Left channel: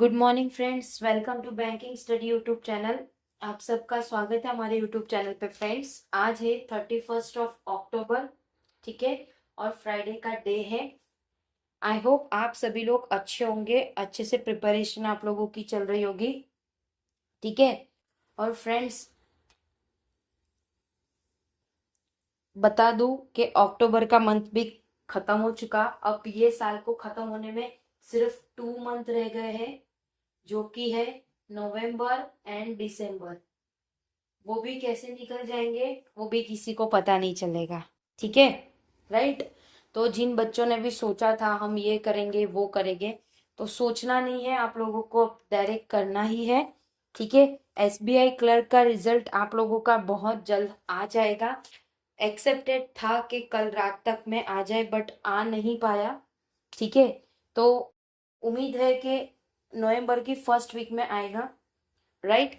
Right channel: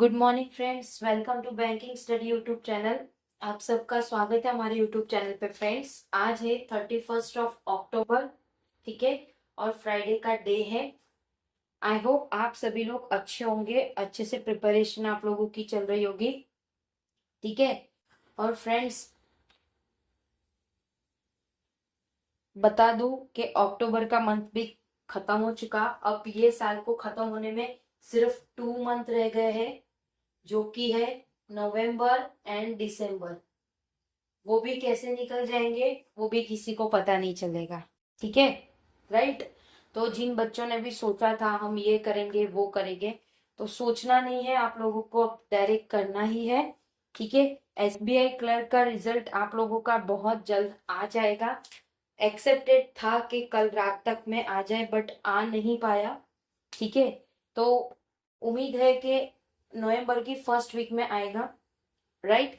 Good morning friends, welcome to banking study YouTube channel. आप सबका स्वागत है हमारे यूट्यूब चैनल पे। फ्रेंड्स, आज है 31 अक्टूबर, ठीक है, और फ्राइडे का डे है। आई होप आप सभी लोग अच्छे होंगे, अच्छे से प्रिपरेशन आप लोगों की चल रही होगी, ठीक है। और फ्रेंड्स, बता दूं कि अक्टूबर का मंथ भी खत्म हो चुका। अब ये साल को खत्म होने में सिर्फ 2 मंथ रह गए हैं, जो कि है नवंबर एंड दिसंबर। वो भी कैसे निकल जाएंगे वो भी किसी को पता नहीं चलेगा, ठीक है, राइट। तो जिन बच्चों ने भी सोचा था हम ये करेंगे वो करेंगे, तो सोचना नहीं है, आप लोगों को डायरेक्ट करना ही है, ठीक है। एसबीआई क्लर्क का रिजल्ट आप लोगों का बहुत जल्द आ जाएगा। एक्सेप्टेड था कि कल रात तक में आ जाए, बट आ नहीं पाया, ठीक है। तो उम्मीद है कि नवंबर की फर्स्ट वीक में आएगा, राइट।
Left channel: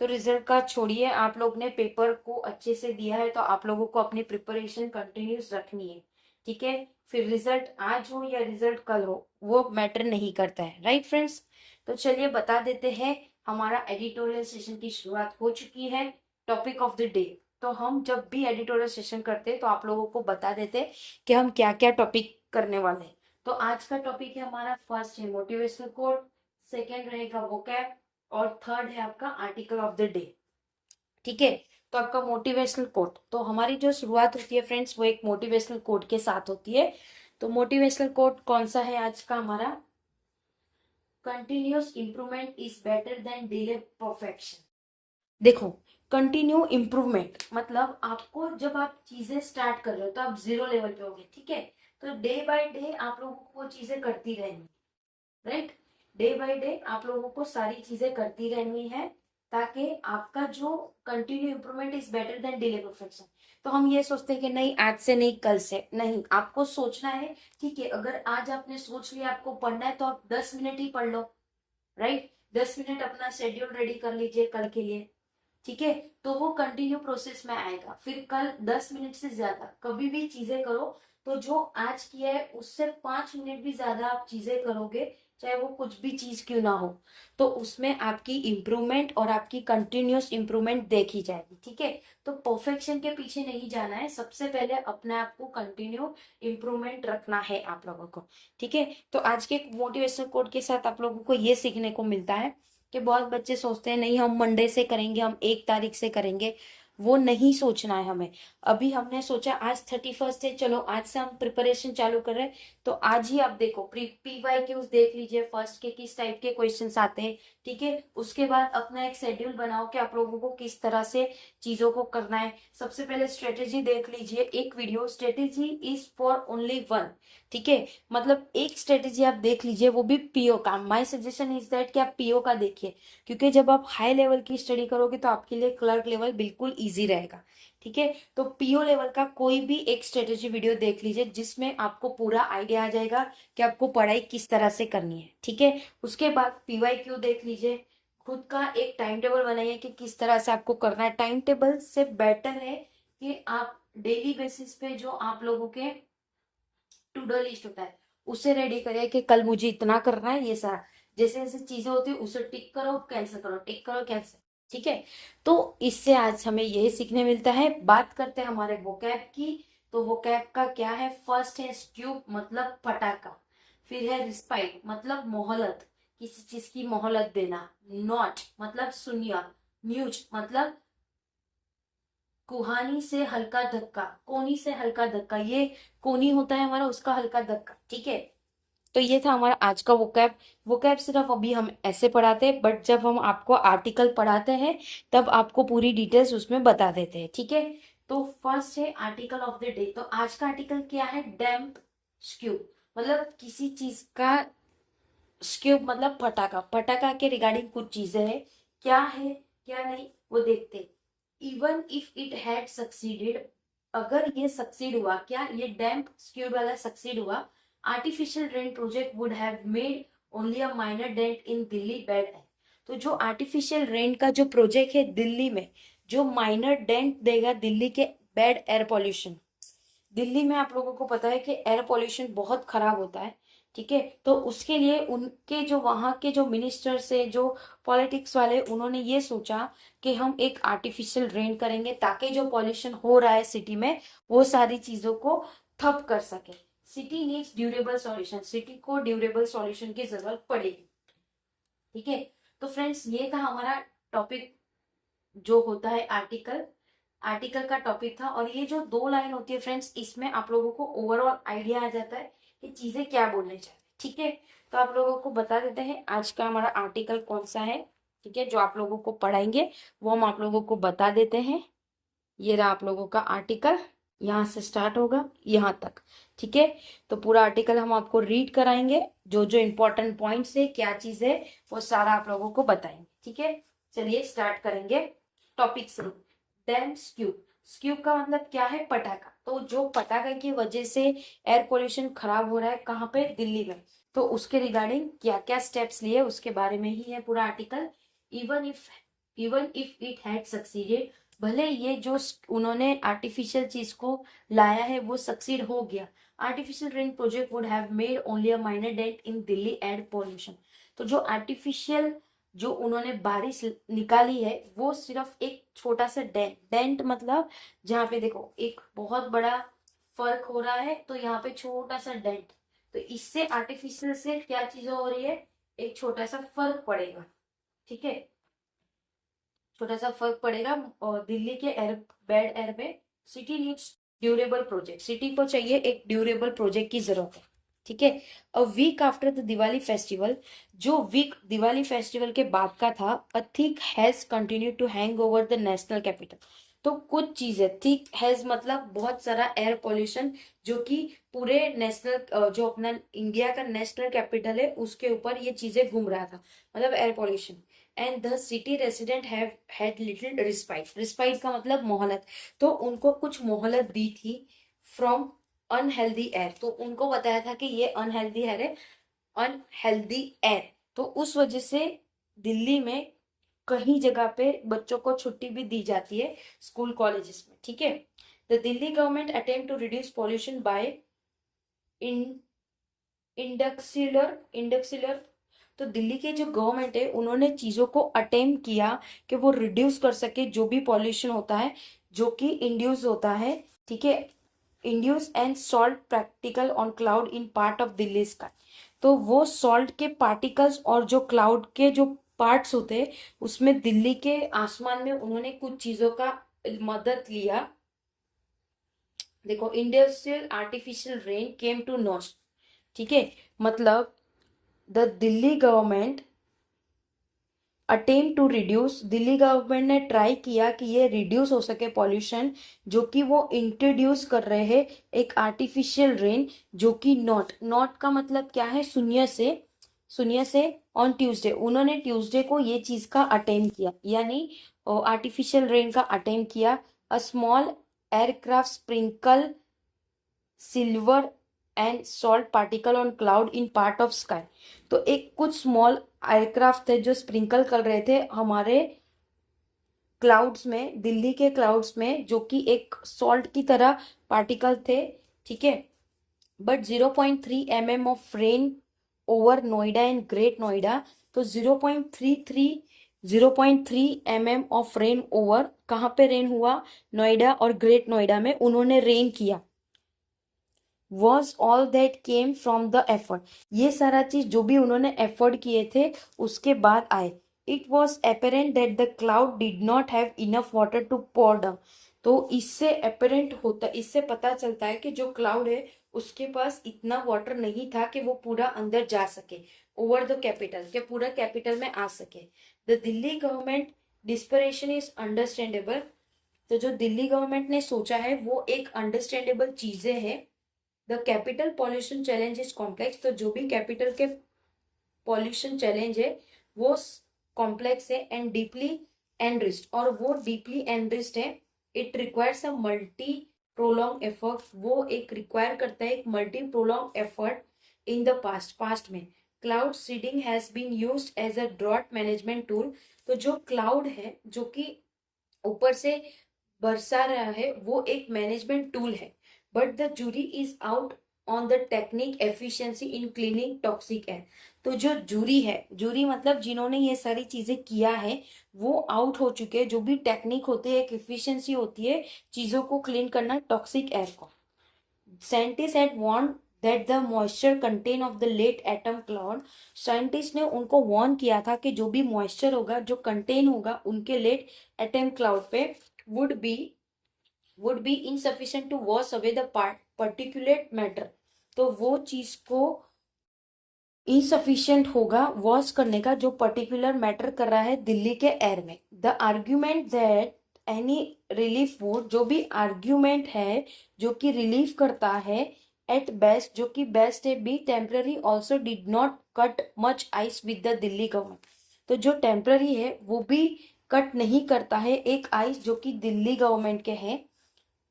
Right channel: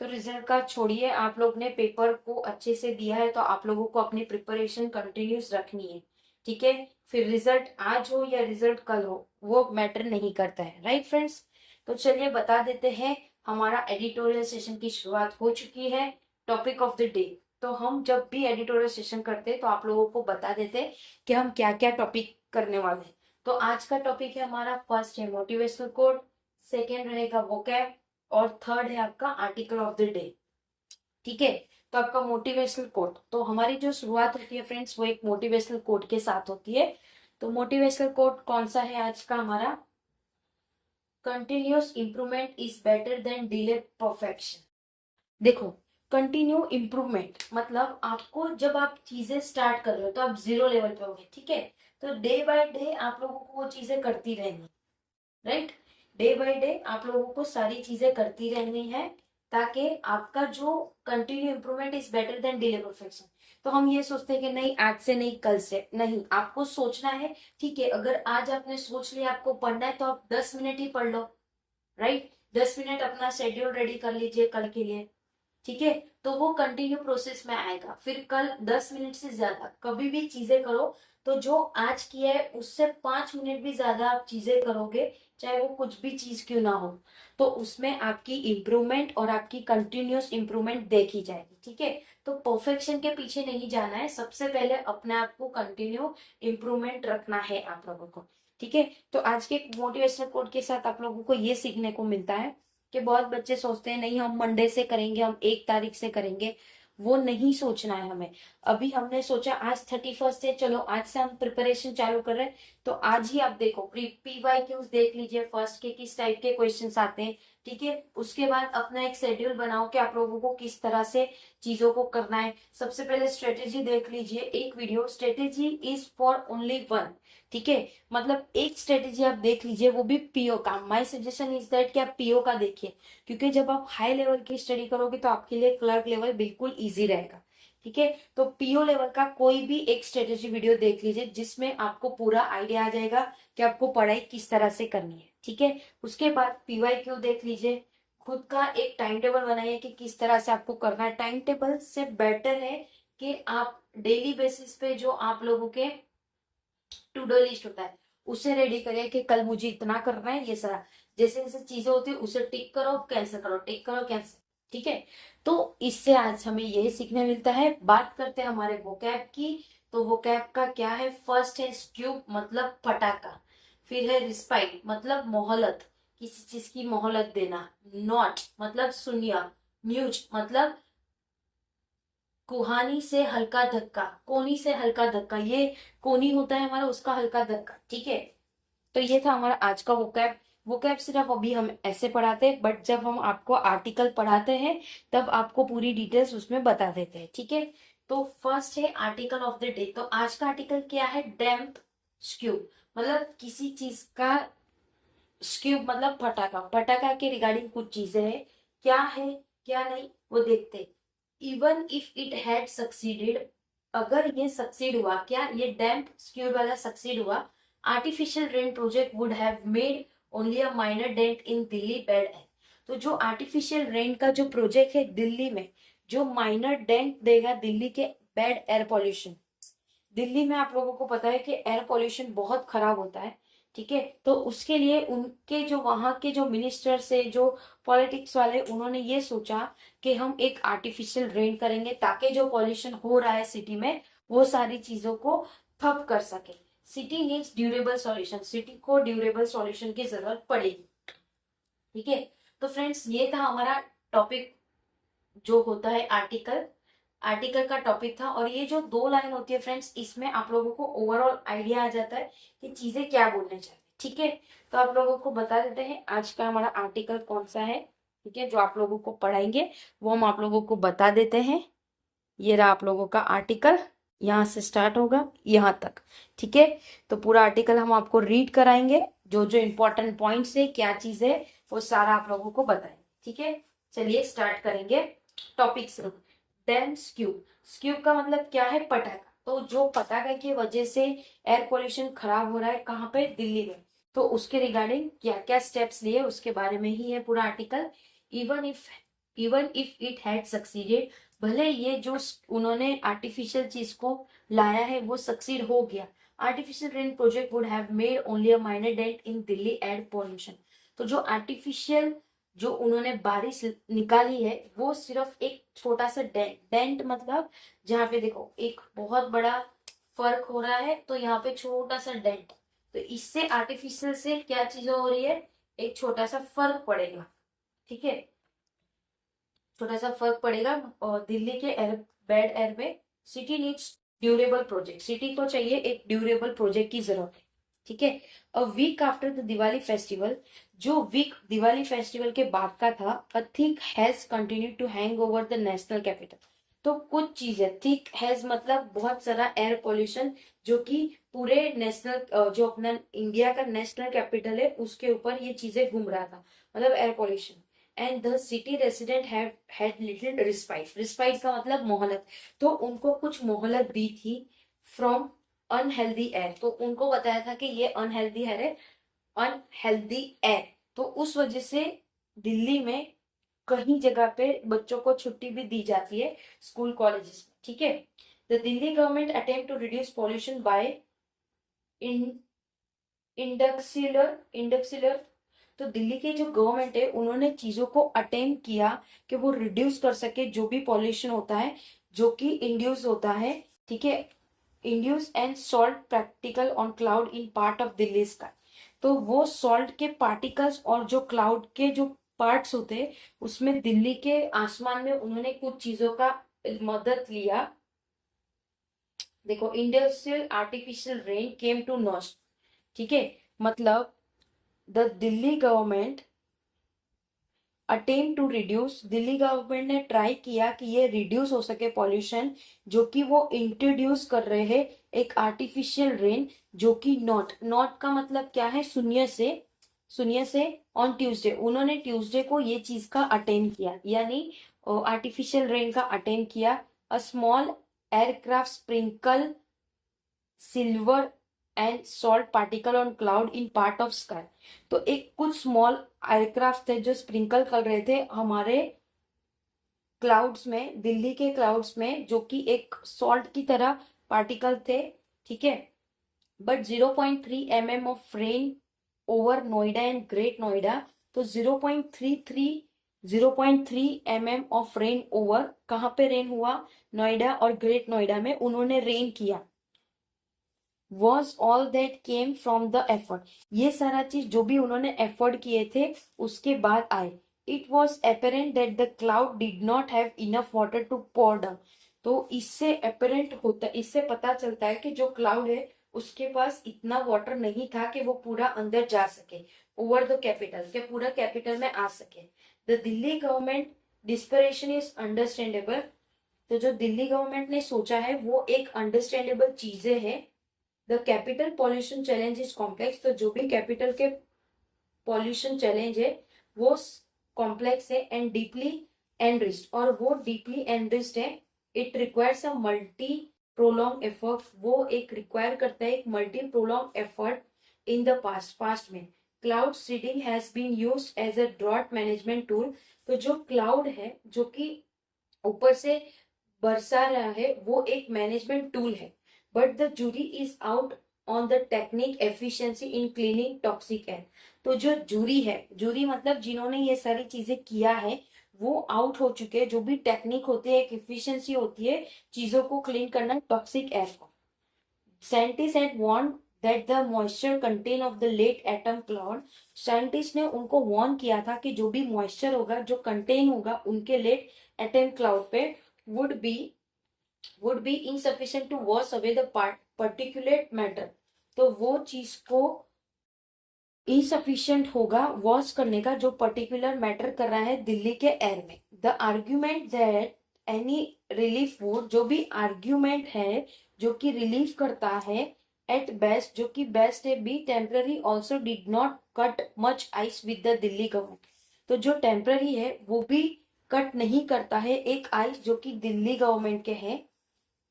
तो रिजल्ट का छोड़िए, आप लोग ने पेपर को अच्छे से दिया है तो आप लोगों को अपनी प्रिपरेशन कंटिन्यूस रखनी है, ठीक है। फिर रिजल्ट आज हो या रिजल्ट कल हो वो मैटर नहीं करता है, राइट फ्रेंड्स। तो चलिए बता देते हैं, हमारा एडिटोरियल सेशन की शुरुआत हो चुकी है। टॉपिक ऑफ द डे, तो हम जब भी एडिटोरियल सेशन करते हैं तो आप लोगों को बता देते हैं कि हम क्या क्या टॉपिक करने वाले हैं। तो आज का टॉपिक है हमारा, फर्स्ट है मोटिवेशनल कोड, सेकेंड रहेगा वोकैब, और थर्ड है आपका आर्टिकल ऑफ द डे, ठीक है। तो आपका मोटिवेशनल कोट, तो हमारी जो शुरुआत होती है फ्रेंड्स वो एक मोटिवेशनल कोट के साथ होती है। तो मोटिवेशनल कोट कौन सा है आज का हमारा? Continuous improvement is better than delay perfection. देखो, कंटिन्यू इम्प्रूवमेंट मतलब आपको जब आप चीजें स्टार्ट कर रहे हो तो आप जीरो लेवल पे होगे, ठीक है। तो डे बाय डे आप लोगों को वो चीजें करती रहनी, राइट। डे बाय डे आप लोगों को सारी चीजें करती रहनी है, ताकि आपका जो continue improvement is better than delay perfection. तो हम ये सोचते हैं कि नहीं आज से नहीं कल से नहीं, आपको सोचना है, ठीक है। अगर आज आपने सोच लिया आपको पढ़ना है तो आप 10 मिनट ही पढ़ लो, राइट। 10 मिनट अपना शेड्यूल रेडी कर लीजिए कल के लिए, ठीक है। तो वो कंटिन्यू प्रोसेस में आएगा। फिर कल 10 मिनट से ज्यादा कभी भी चीजें करो तो जो आज किया है उससे 5 मिनट भी ज्यादा आप चीजें करोगे, चाहे वो कुछ भी चीज क्यों ना हो, तो उसमें आपकी इम्प्रूवमेंट और आपकी कंटिन्यूअस इम्प्रूवमेंट देखी जाएगी, ठीक है। तो परफेक्शन के पीछे नहीं जाना है, सबसे पहले अपने आप को कंटिन्यू इम्प्रूवमेंट रखना है आप लोगों को, ठीक है। तो आज के मोटिवेशनल कोड के साथ आप लोगों को ये सीखने को मिलता है कि बहुत बच्चे सोचते हैं नहीं हम मंडे से करेंगे, हम 1 तारीख से करेंगे। वो नहीं सोचना है हमें। अभी हमने सोचा आज 31 है, चलो आज से हम प्रिपरेशन चालू कर रहे हैं। तो आज ही आप देखो, PYQs देख लीजिए, फर्स्ट के किस टाइप के क्वेश्चंस आते हैं, ठीक है। उसके बाद अपना एक शेड्यूल बनाओ कि आप लोगों को किस तरह से चीजों को करना है। सबसे पहले स्ट्रेटेजी देख लीजिए, एक video strategy is for only one, ठीक है। मतलब एक स्ट्रेटेजी आप देख लीजिए, वो भी पीओ का। माय सजेशन इज दैट कि आप पीओ का देखिए, क्योंकि जब आप हाई लेवल की स्टडी करोगे तो आपके लिए क्लर्क लेवल बिल्कुल इजी रहेगा, ठीक है। तो पीओ लेवल का कोई भी एक स्ट्रेटेजी वीडियो देख लीजिए, जिसमें आपको पूरा आइडिया आ जाएगा कि आपको पढ़ाई किस तरह से करनी है, ठीक है। उसके बाद PYQ देख लीजिए, खुद का एक टाइम टेबल बनाइए कि किस तरह से आपको करना है। टाइम टेबल से बेटर है कि आप डेली बेसिस पे जो आप लोगों के टू डू लिस्ट होता है उसे रेडी करें कि कल मुझे इतना करना है, ये सारा जैसे जैसे चीजें होती है उसे टिक करो कैंसिल करो, टिक करो कैंसिल, ठीक है। तो इससे आज हमें यही सीखने मिलता है। बात करते हैं हमारे वोकैब की। तो वोकैब का क्या है? फर्स्ट है स्ट्यूब मतलब पटाखा, फिर है रिस्पाइट मतलब मोहलत, किसी चीज की मोहलत देना, नॉट मतलब सुनिया, न्यूज मतलब कुहानी से हल्का धक्का, कोनी से हल्का धक्का, ये कोनी होता है हमारा उसका हल्का धक्का, ठीक है। तो ये था हमारा आज का वोकैब। वोकैब सिर्फ अभी हम ऐसे पढ़ाते हैं, बट जब हम आपको आर्टिकल पढ़ाते हैं तब आपको पूरी डिटेल्स उसमें बता देते हैं, ठीक है। तो फर्स्ट है आर्टिकल ऑफ द डे। तो आज का आर्टिकल क्या है? डैम्प स्क्यूब मतलब किसी चीज का स्क्यूब मतलब पटाखा। पटाखा के रिगार्डिंग कुछ चीजें है, क्या है क्या नहीं वो देखते हैं। Even if it had succeeded, अगर ये सक्सीड हुआ, क्या ये डैम्प स्क्यूब वाला सक्सीड हुआ, artificial rain project would have made only a minor dent in Delhi bad air. तो जो आर्टिफिशियल रेन का जो प्रोजेक्ट है दिल्ली में, जो माइनर डेंट देगा दिल्ली के बैड एयर पॉल्यूशन। दिल्ली में आप लोगों को पता है कि एयर पॉल्यूशन बहुत खराब होता है, ठीक है। तो उसके लिए उनके जो वहां के जो मिनिस्टर्स है, जो पॉलिटिक्स वाले, उन्होंने ये सोचा कि हम एक आर्टिफिशियल रेन करेंगे ताकि जो पॉल्यूशन हो रहा है सिटी में वो सारी चीजों को ठप कर सके। City needs durable solution, city को ड्यूरेबल सॉल्यूशन की जरूरत पड़ेगी। ठीक है। तो फ्रेंड्स ये था हमारा टॉपिक जो होता है आर्टिकल, आर्टिकल का टॉपिक था। और ये जो 2 लाइन होती है फ्रेंड्स, इसमें आप लोगों को ओवरऑल आइडिया आ जाता है कि चीजें क्या बोलने चाहिए। ठीक है। तो आप लोगों को बता देते हैं आज का हमारा आर्टिकल कौन सा है। ठीक है, जो आप लोगों को पढ़ाएंगे वो हम आप लोगों को बता देते हैं। ये रहा आप लोगों का आर्टिकल, यहाँ से स्टार्ट होगा यहाँ तक। ठीक है। तो पूरा आर्टिकल हम आपको रीड कराएंगे, जो जो इम्पोर्टेंट पॉइंट्स है, क्या चीज है, वो सारा आप लोगों को बताएंगे। ठीक है, चलिए स्टार्ट करेंगे टॉपिक से। देन स्क्यू, स्क्यू का मतलब क्या है, पटाखा। तो जो पटाखे की वजह से एयर पोल्यूशन खराब हो रहा है, कहाँ पे, दिल्ली में, तो उसके रिगार्डिंग क्या क्या स्टेप्स लिए उसके बारे में ही है पूरा article. Even if it had succeeded, भले ये जो उन्होंने आर्टिफिशियल चीज को लाया है वो सक्सीड हो गया, artificial rain project would have made only a minor dent in Delhi air pollution. तो जो आर्टिफिशियल जो उन्होंने बारिश निकाली है वो सिर्फ एक छोटा सा डेंट, डेंट मतलब जहाँ पे देखो एक बहुत बड़ा फर्क हो रहा है, तो यहाँ पे छोटा सा डेंट, तो इससे आर्टिफिशियल से क्या चीजें हो रही है, एक छोटा सा फर्क पड़ेगा। ठीक है, छोटा सा फर्क पड़ेगा और दिल्ली के एयर बैड एयर में। City needs durable project, city को चाहिए एक ड्यूरेबल प्रोजेक्ट की जरूरत है। ठीक है। A week after the Diwali festival, जो वीक दिवाली फेस्टिवल के बाद का था, a thick has continue to hang over the national capital. तो कुछ चीजें, थिक हैज मतलब बहुत सारा एयर पोल्यूशन जो कि पूरे नेशनल जो अपना इंडिया का नेशनल कैपिटल है उसके ऊपर ये चीजें घूम रहा था, मतलब air pollution. And the city resident have had little respite, respite का मतलब मोहलत, तो उनको कुछ मोहलत दी थी फ्रॉम अनहेल्दी एयर। तो उनको बताया था कि ये अनहेल्दी एयर है, अनहेल्दी एयर। तो उस वजह से दिल्ली में कहीं जगह पे बच्चों को छुट्टी भी दी जाती है स्कूल कॉलेजेस में। ठीक है। The Delhi government attempt to reduce pollution by in इंडक्सिलर। तो दिल्ली की जो गवर्नमेंट है उन्होंने चीजों को अटेम्प्ट किया कि वो रिड्यूस कर सके जो भी पॉल्यूशन होता है जो कि इंड्यूस होता है। ठीक है, induce and salt practical on cloud in part of Delhi sky. तो वो सॉल्ट के पार्टिकल्स और जो क्लाउड के जो पार्ट्स होते हैं उसमें दिल्ली के आसमान में उन्होंने कुछ चीजों का मदद लिया। देखो, industrial artificial rain came to naught. ठीक है, मतलब the Delhi government attempt to reduce, Delhi government ने ट्राई किया कि ये रिड्यूस हो सके पॉल्यूशन जो कि वो इंट्रोड्यूस कर रहे हैं एक आर्टिफिशियल रेन, जो कि नॉट का मतलब क्या है, शून्य से ऑन ट्यूसडे, उन्होंने ट्यूसडे को ये चीज का अटेम्प्ट किया, यानी आर्टिफिशियल रेन का अटेम्प्ट किया। A small aircraft sprinkle silver and salt particle on cloud in part of sky. तो एक कुछ स्मॉल एयरक्राफ्ट थे जो स्प्रिंकल कर रहे थे हमारे क्लाउड्स में, दिल्ली के क्लाउड्स में, जो कि एक सॉल्ट की तरह पार्टिकल थे। ठीक है, but 0.3 mm of rain over Noida and great Noida. तो 0.3 mm ऑफ रेन ओवर, कहाँ पे रेन हुआ, नोएडा और ग्रेट नोएडा में उन्होंने रेन किया। was all that came from the effort, ये सारा चीज जो भी उन्होंने एफर्ट किए थे उसके बाद आए। It was apparent that the cloud did not have enough water to pour down। तो इससे apparent होता, इससे पता चलता है कि जो क्लाउड है उसके पास इतना वाटर नहीं था कि वो पूरा अंदर जा सके, ओवर द कैपिटल, के पूरा कैपिटल में आ सके। The Delhi government dispersion is understandable. तो जो दिल्ली गवर्नमेंट ने सोचा है वो एक अंडरस्टैंडेबल चीजें हैं। The capital pollution challenge is complex. तो जो भी कैपिटल के पॉल्यूशन चैलेंज है वो कॉम्प्लेक्स है एंड डीपली एनरिच्ड, और वो डीपली एनरिच्ड है। It requires a multi prolong effort, वो एक रिक्वायर करता है एक multi prolong effort in the past में। Cloud seeding has been used as a drought management tool. तो जो क्लाउड है जो कि ऊपर से बरसा रहा है वो एक मैनेजमेंट टूल है। But the jury is out on the technique efficiency in cleaning toxic air. तो जो जूरी है, जूरी मतलब जिन्होंने ये सारी चीजें किया है वो आउट हो चुके हैं। जो भी टेक्निक होती है, एक एफिशिएंसी होती है चीजों को क्लीन करना टॉक्सिक एयर को। Scientist had warn that the moisture content of the late autumn cloud. Scientist ने उनको वार्न किया था कि जो भी मॉइस्चर होगा, जो कंटेन होगा उनके लेट एटम क्लाउड पे would be insufficient to wash away the particulate matter. तो वो चीज को इनसफिशिएंट होगा वॉश करने का जो पर्टिकुलर मैटर कर रहा है दिल्ली के एयर में। The argument that any relief would, जो भी आर्ग्यूमेंट है जो कि रिलीफ करता है एट बेस्ट, जो कि बेस्ट है, be temporary also did not cut much ice with the Delhi government. तो जो टेम्पररी है वो भी कट नहीं करता है एक आइस जो कि दिल्ली गवर्नमेंट के है।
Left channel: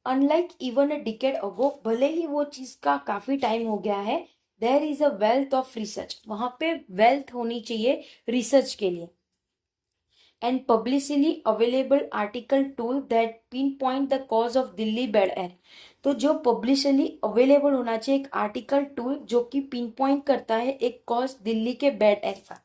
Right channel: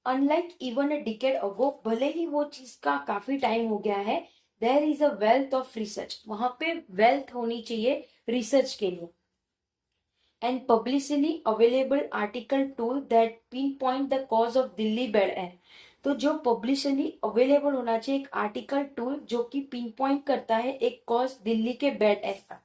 अनलाइक इवन अ डिकेड अगो, भले ही वो चीज का काफी टाइम हो गया है, there is a wealth of research, वहां पे वेल्थ होनी चाहिए रिसर्च के लिए। And publicly available article tool that pin point the cause of Delhi bad air. तो जो पब्लिकली अवेलेबल होना चाहिए एक आर्टिकल टूल जो कि पिन पॉइंट करता है एक कॉज दिल्ली के बैड एयर का।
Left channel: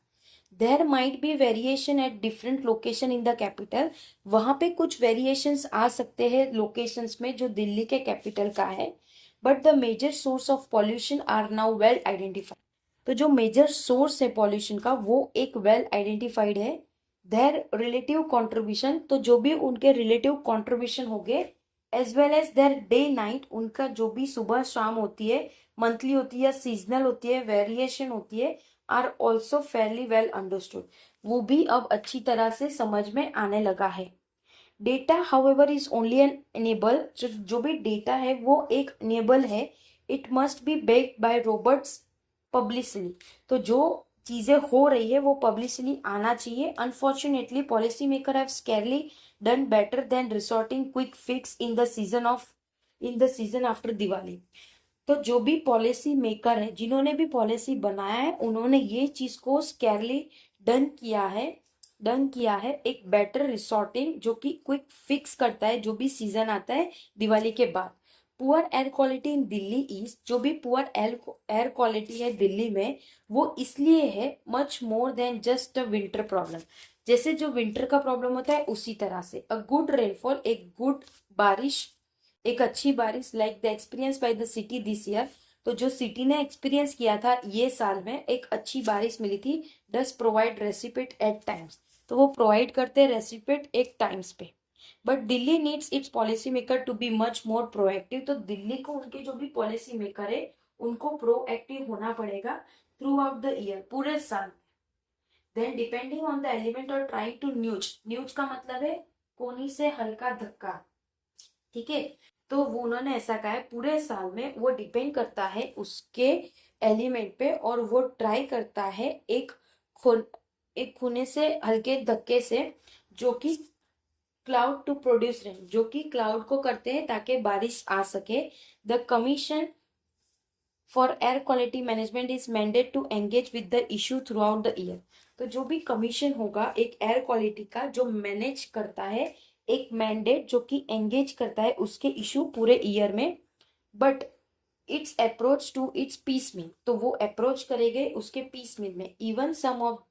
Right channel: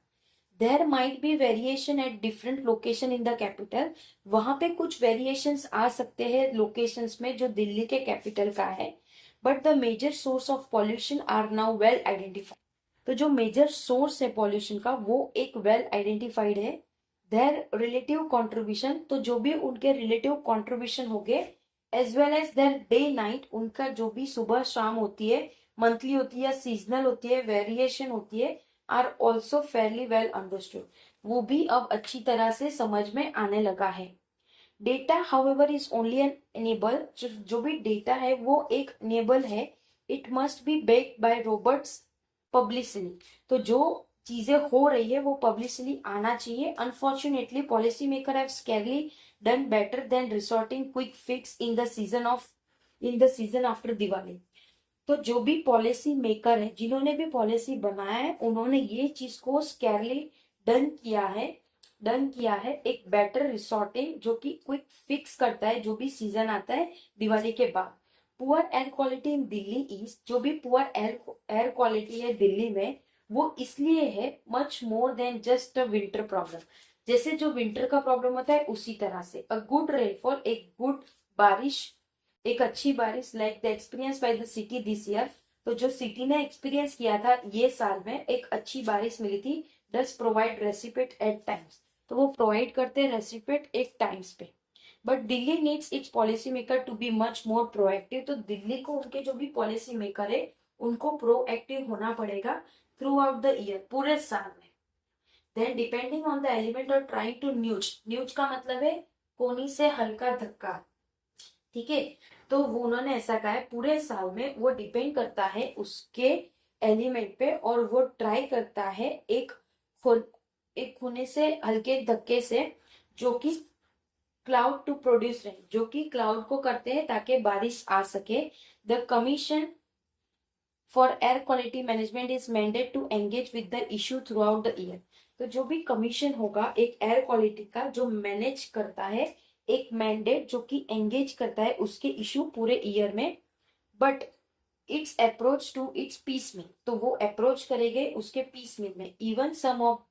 There might be variation at different location in the capital, वहां पे कुछ वेरिएशंस आ सकते हैं लोकेशंस में जो दिल्ली के कैपिटल का है। But the major source of pollution are now well identified. तो जो मेजर सोर्स है पॉल्यूशन का वो एक वेल आइडेंटिफाइड है। देयर रिलेटिव कॉन्ट्रीब्यूशन, तो जो भी उनके रिलेटिव कॉन्ट्रीब्यूशन हो गए, as well as their day night, उनका जो भी सुबह शाम होती है, मंथली होती है या सीजनल होती है, वेरिएशन होती है, are also fairly well understood, वो भी अब अच्छी तरह से समझ में आने लगा है। Data however is only an enable, जो भी डेटा है वो एक एनेबल है। It must be backed by robust publicity, तो जो चीजें हो रही है वो पब्लिसिटी आना चाहिए। Unfortunately policy maker have scarcely done better than resorting quick fix in the season after Diwali. तो जो भी पॉलिसी मेकर है, जिन्होंने भी पॉलिसी बनाया है, उन्होंने ये चीज को स्केरली डन किया है एक बेटर रिसोर्टिंग जो कि क्विक फिक्स करता है जो भी सीजन आता है दिवाली के बाद। Poor air quality in Delhi is, जो भी पुअर एयर क्वालिटी है दिल्ली में वो इसलिए है much more than just a winter problem. जैसे जो विंटर का प्रॉब्लम होता है उसी तरह से अ गुड रेनफॉल, एक गुड बारिश, एक अच्छी बारिश like the experience by the city this year. तो जो सिटी ने एक्सपीरियंस किया था ये साल में एक अच्छी बारिश मिली थी। Does provide respite at times, तो वो प्रोवाइड करते हैं रेसिपिट एक टाइम्स पे। But Delhi needs its policy maker to be much more proactive, तो दिल्ली को उनके जो भी पॉलिसी मेकर है उनको प्रोएक्टिव होना पड़ेगा थ्रू आउट द ईयर, पूरे साल में। Then depending on the element और ट्राइंग टू न्यूज का मतलब है कोनी से हल्का धक्का, ठीक है। तो वो उन्होंने ऐसा कहा है पूरे साल में वो डिपेंड करता है उसके एलिमेंट पे और वो ट्राई करता है एक खूने से हल्के धक्के से जो कि क्लाउड टू प्रोड्यूस रेन, जो कि क्लाउड को करते हैं ताकि बारिश आ सके। The commission for air quality management is mandate to engage with the issue throughout the year. तो जो भी कमीशन होगा एक एयर क्वालिटी का जो मैनेज करता है, एक मैंडेट जो कि एंगेज करता है उसके इशू पूरे ईयर में। But it's approach to its piecemeal, तो वो अप्रोच करेंगे उसके पीस मील में। Even some of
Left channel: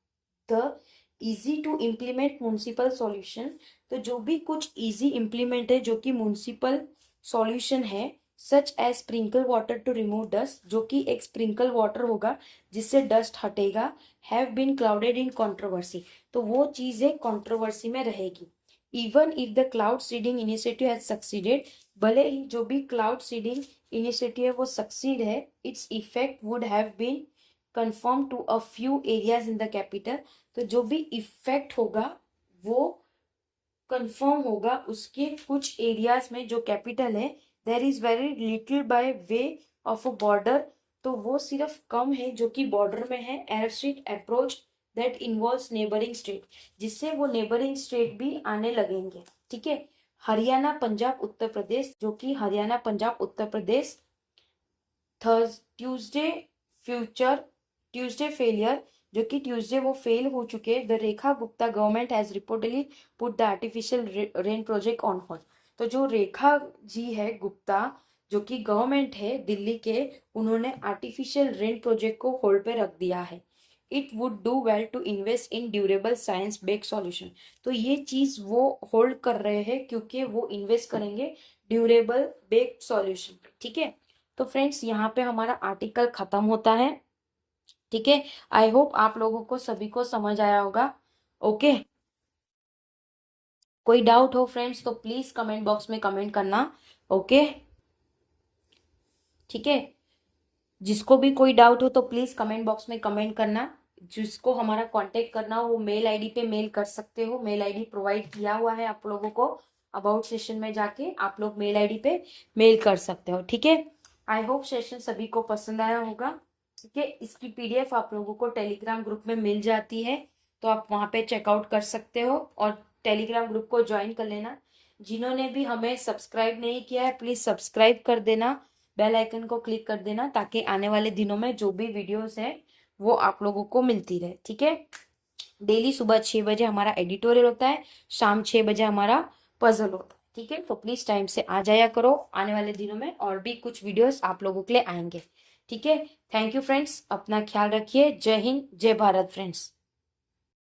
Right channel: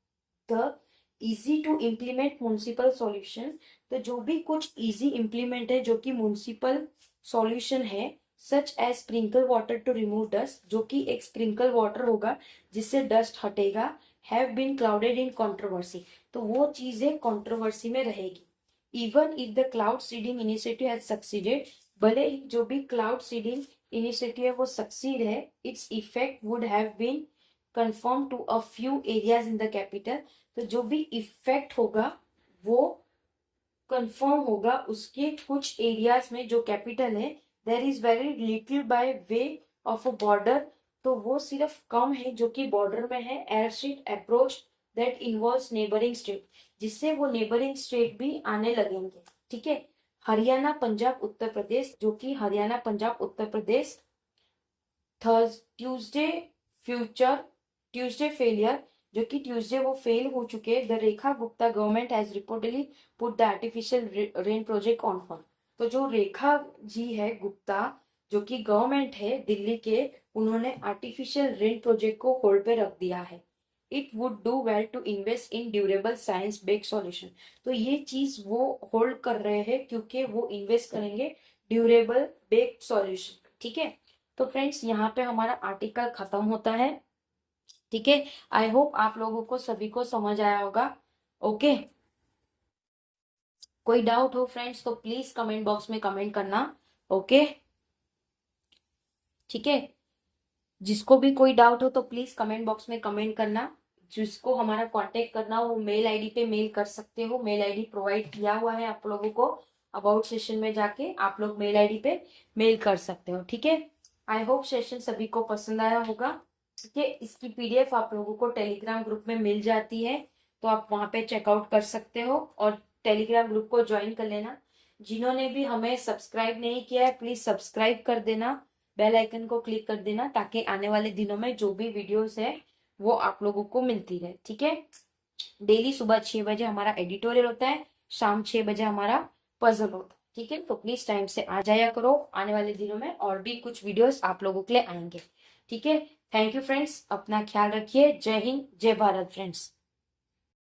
the easy to implement municipal solution, तो जो भी कुछ इजी इम्प्लीमेंट है जो कि म्यूनिसिपल सॉल्यूशन है, such as sprinkle water to remove dust, जो कि एक स्प्रिंकल वाटर होगा जिससे डस्ट हटेगा, have been clouded in controversy, तो वो चीजें कंट्रोवर्सी में रहेगी। Even if the cloud seeding initiative has succeeded, भले ही जो भी क्लाउड सीडिंग इनिशिएटिव है वो सक्सीड है, its effect would have been confirm to a few areas in the capital, तो जो भी इफेक्ट होगा वो कंफर्म होगा उसके कुछ एरियाज में जो कैपिटल है। There is very little by way of a border, तो वो सिर्फ कम है जो कि बॉर्डर में है। Air street approach that involves neighbouring state, जिससे वो नेबरिंग स्टेट भी आने लगेंगे, ठीक है। हरियाणा पंजाब उत्तर प्रदेश, जो कि हरियाणा पंजाब उत्तर प्रदेश ट्यूसडे फेलियर, जो कि ट्यूसडे वो फेल हो चुके। The Rekha Gupta government has reportedly put the artificial rain project on hold, तो जो रेखा जी है गुप्ता जो कि गवर्नमेंट है दिल्ली के, उन्होंने आर्टिफिशियल रेन प्रोजेक्ट को होल्ड पे रख दिया है। It would do well to invest in durable science based solution. तो ये चीज वो होल्ड कर रहे हैं क्योंकि वो इन्वेस्ट करेंगे ड्यूरेबल बेस्ड सॉल्यूशन। ठीक है, तो फ्रेंड्स यहाँ पे हमारा आर्टिकल खत्म होता है। ठीक है, आई होप आप लोगों को सभी को समझ आया होगा। ओके, कोई डाउट हो फ्रेंड्स तो प्लीज कमेंट बॉक्स में कमेंट करना। ओके, ठीक है, जिसको भी कोई डाउट हो तो प्लीज कमेंट बॉक्स में कमेंट करना। जिसको हमारा कांटेक्ट करना हो वो मेल आईडी पे मेल कर सकते हो। मेल आईडी प्रोवाइड किया हुआ है आप लोगों को, अबाउट सेशन में जाके आप लोग मेल आईडी पे मेल कर सकते हो। ठीक है, आई होप सेशन सभी को पसंद आया होगा। ठीक है, इसकी पीडीएफ आप लोगों को टेलीग्राम ग्रुप में मिल जाती है, तो आप वहां पे चेकआउट कर सकते हो और टेलीग्राम ग्रुप को ज्वाइन कर लेना। जिन्होंने भी हमें सब्सक्राइब नहीं किया है प्लीज सब्सक्राइब कर देना, बेल आइकन को क्लिक कर देना, ताकि आने वाले दिनों में जो भी वीडियोस है वो आप लोगों को मिलती रहे। ठीक है, डेली सुबह 6 बजे हमारा एडिटोरियल होता है, शाम 6 बजे हमारा पजल होता है। ठीक है, तो प्लीज टाइम से आ जाया करो। आने वाले दिनों में और भी कुछ वीडियोस आप लोगों के लिए आएंगे। ठीक है, थैंक यू फ्रेंड्स, अपना ख्याल रखिए। जय हिंद, जय भारत फ्रेंड्स।